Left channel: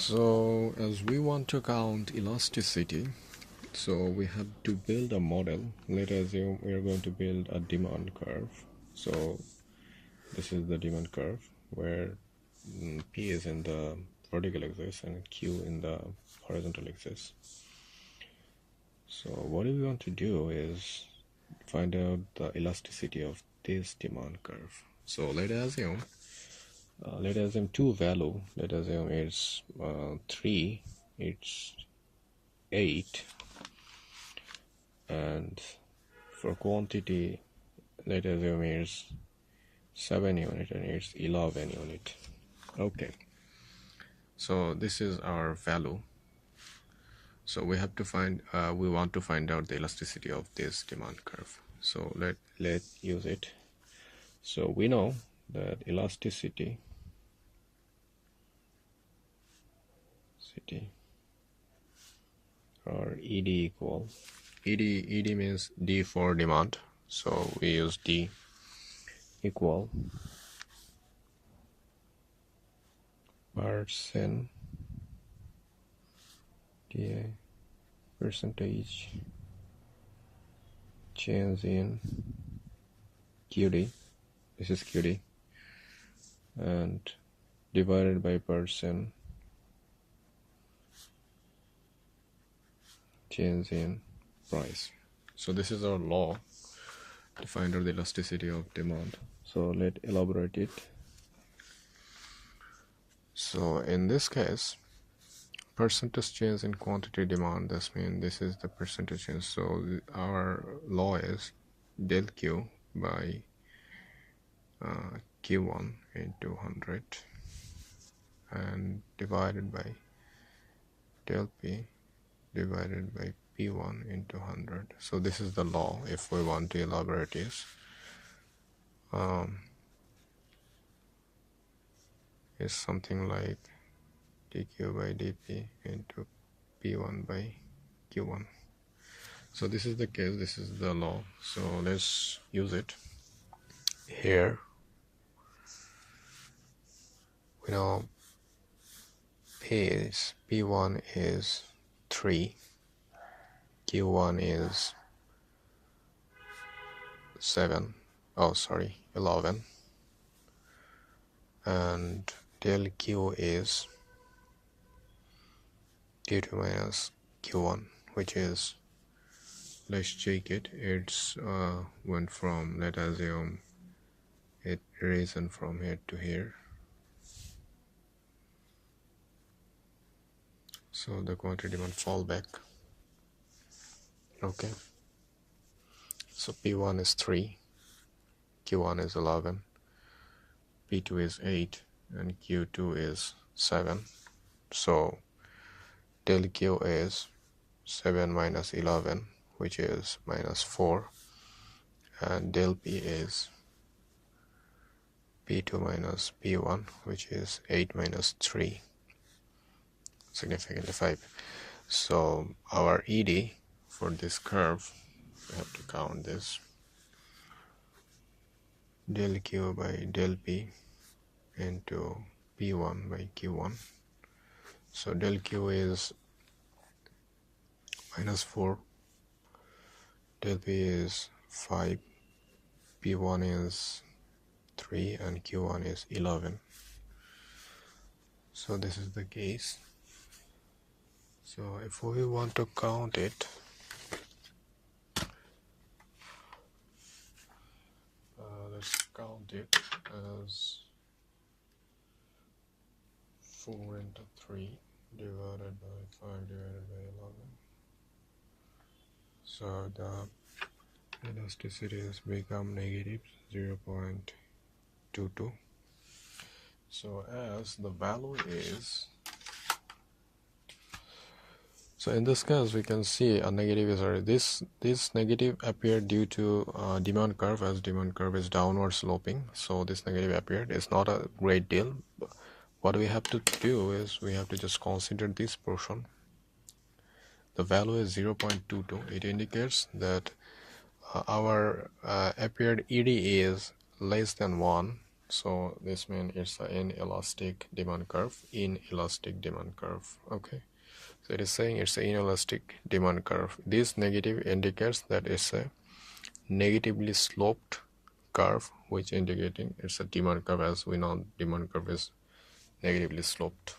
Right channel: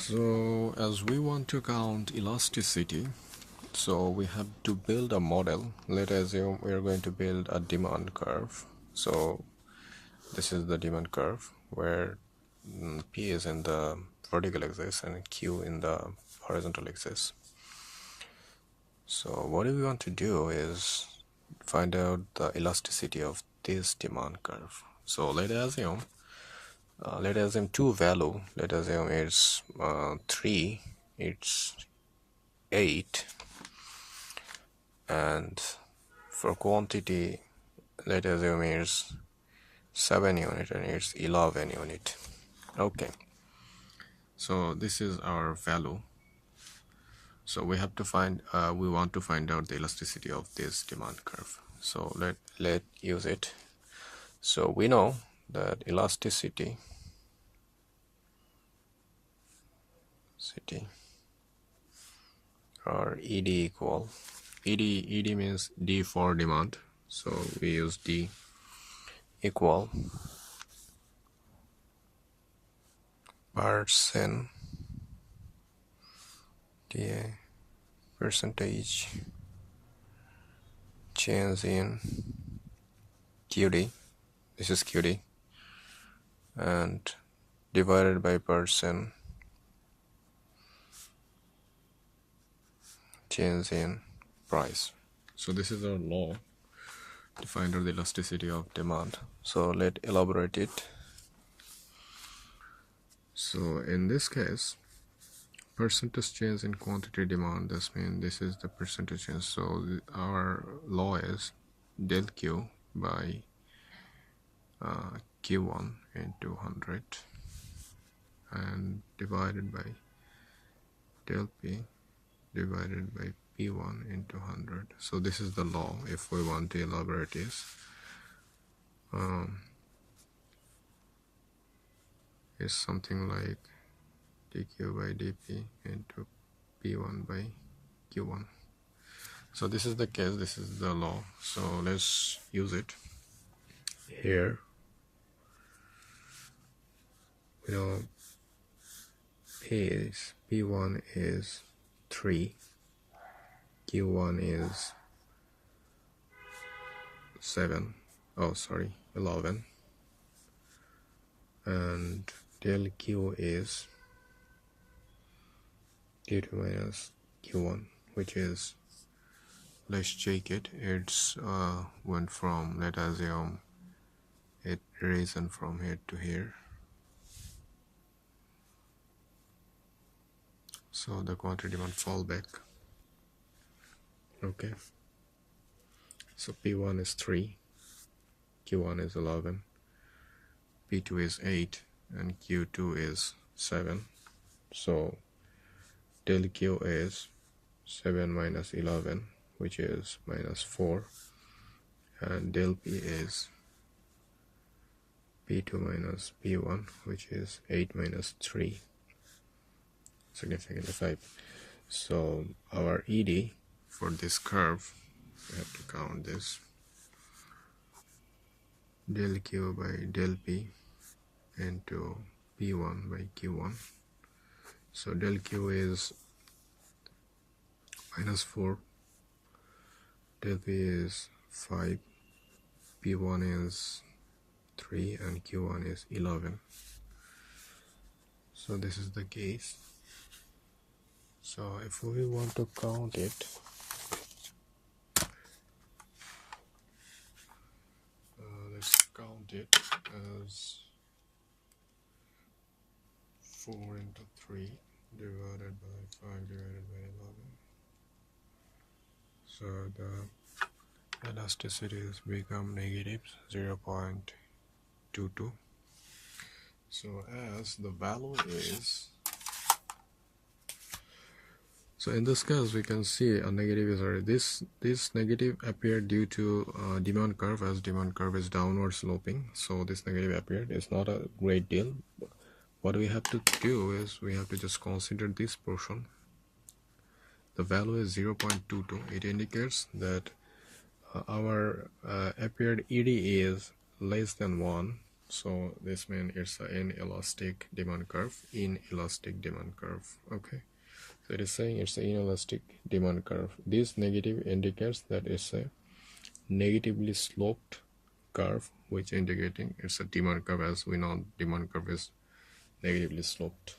So as we want to count elasticity, so we have to build a model. Let us assume we are going to build a demand curve. So this is the demand curve where P is in the vertical axis and Q in the horizontal axis. So what we want to do is find out the elasticity of this demand curve. So let us assume two value. Let us assume it's 3, it's 8, and for quantity let us assume it's 7 unit and it's 11 unit. Okay, so this is our value. So we have to find we want to find out the elasticity of this demand curve. So let use it. So we know that elasticity or ED equal ED means D for demand, so we use D equal percent DA percentage change in QD, this is QD, and divided by percent change in price. So this is our law to find out the elasticity of demand. So let's elaborate it. So in this case, percentage change in quantity demand, this means this is the percentage change. So our law is del Q by Q1 into 100 and divided by del P divided by P1 into 100. So this is the law if we want to elaborate this. It's something like dq by dp into P1 by Q1. So this is the case, this is the law. So let's use it here. We know P1 is 3, Q1 is 11, and del Q is Q2 minus Q1, which is, let's check it, it's went from, let us assume it risen from here to here. So the quantity demand fall back. Okay, so P1 is 3, Q1 is 11, P2 is 8, and Q2 is 7. So del Q is 7 minus 11, which is minus 4, and del P is P2 minus P1, which is 8 minus 3, significantly 5. So our ED for this curve, we have to count this, del Q by del P into P1 by Q1. So del Q is minus 4, del P is 5, P1 is 3, and Q1 is 11. So this is the case. So if we want to count it, let's count it as 4 into 3 divided by 5 divided by 11. So the elasticity has become negative 0.22. So as the value is, so in this case we can see a negative is already, this negative appeared due to demand curve, as demand curve is downward sloping. So this negative appeared. It's not a great deal. What we have to do is we have to just consider this portion. The value is 0.22. It indicates that our appeared ED is less than 1, So this means it's an inelastic demand curve. Inelastic demand curve. Okay. So it is saying it's an inelastic demand curve. This negative indicates that it's a negatively sloped curve, which indicating it's a demand curve. As we know, demand curve is negatively sloped.